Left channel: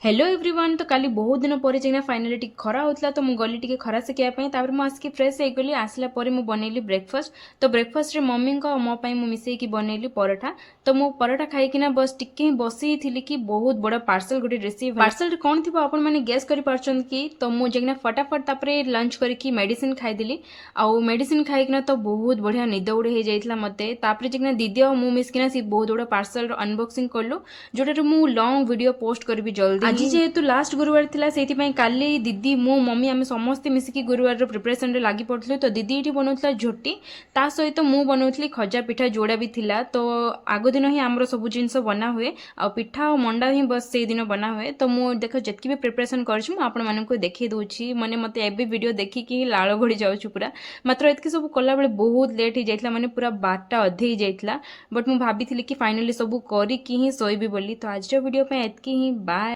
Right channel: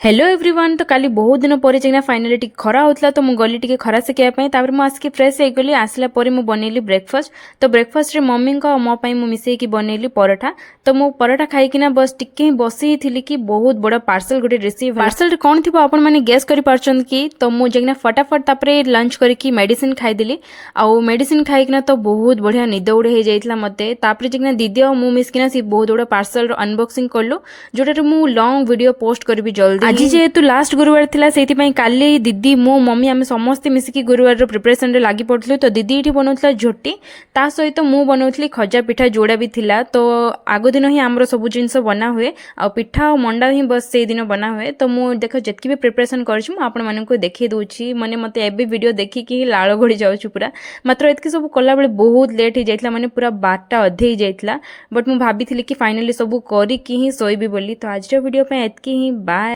Hello everyone. तो काली बहुत दिन पर फाइनाली टी खरा होता तो मुझे गली टी खरा शिखापी मुझे फ्रेश होगली आसला मुझे बनैली ब्रेकफास्ट। तो ब्रेकफास्ट रे मम्मी और मो मिसेकी बनैली पराठा। तो मो पराठा खाईकिना बस टिके बसी थी कि बहुत बड़ा पार्सल गोटे रिसीव पार्सल कौन थी आपण मैंने गेस कर पार्छन कि। तो मुझे फटाफट तापर लंच करके मेडिसिन खाईदेली। आउ मेडिसिन खाईकिना तो बहुत बढ़िया निद उड़े हो जाता मते। तापर जिकना दीदी और मु मिसकिना सी बहुत बड़ा पार्सल अनबॉक्सिंग कलु जोटा मु लॉन्ग वीडियो पोस्ट करी जल्दी। आज जेहेतु लास्ट गुरुवार थिला सेति काली दीदी मो मम्मी आम समस्ते मिसिकी गुरुवार प्रिपरेशन रे लागी पड़थलु। तो दीदी ये बनाउथला झोटी ता सहित मु बनाउथली खजा पिठा जोड़ा भी थिला। तो आग दिन ही आमर सब जिनस बना हुए आ पिठा और मंडा ही बस से दिन बना हुए। तो मु देख जितकी भी प्रिपरेशन करछु मु आपण मानकु देखि दोछि माने मते एबे वीडियो देखिकी लाळ गड़ी जाउछु पूरा। मात्र एतकी सब कला बेले बहुत लेट हो जाइतला माने पूरा 12टा अधे ही जाइतला। बट मु भाबिथिली कि फाइनली सब करी कि ही सोइबी बोली। तो आज वीडियो पे एतकी ही बाय।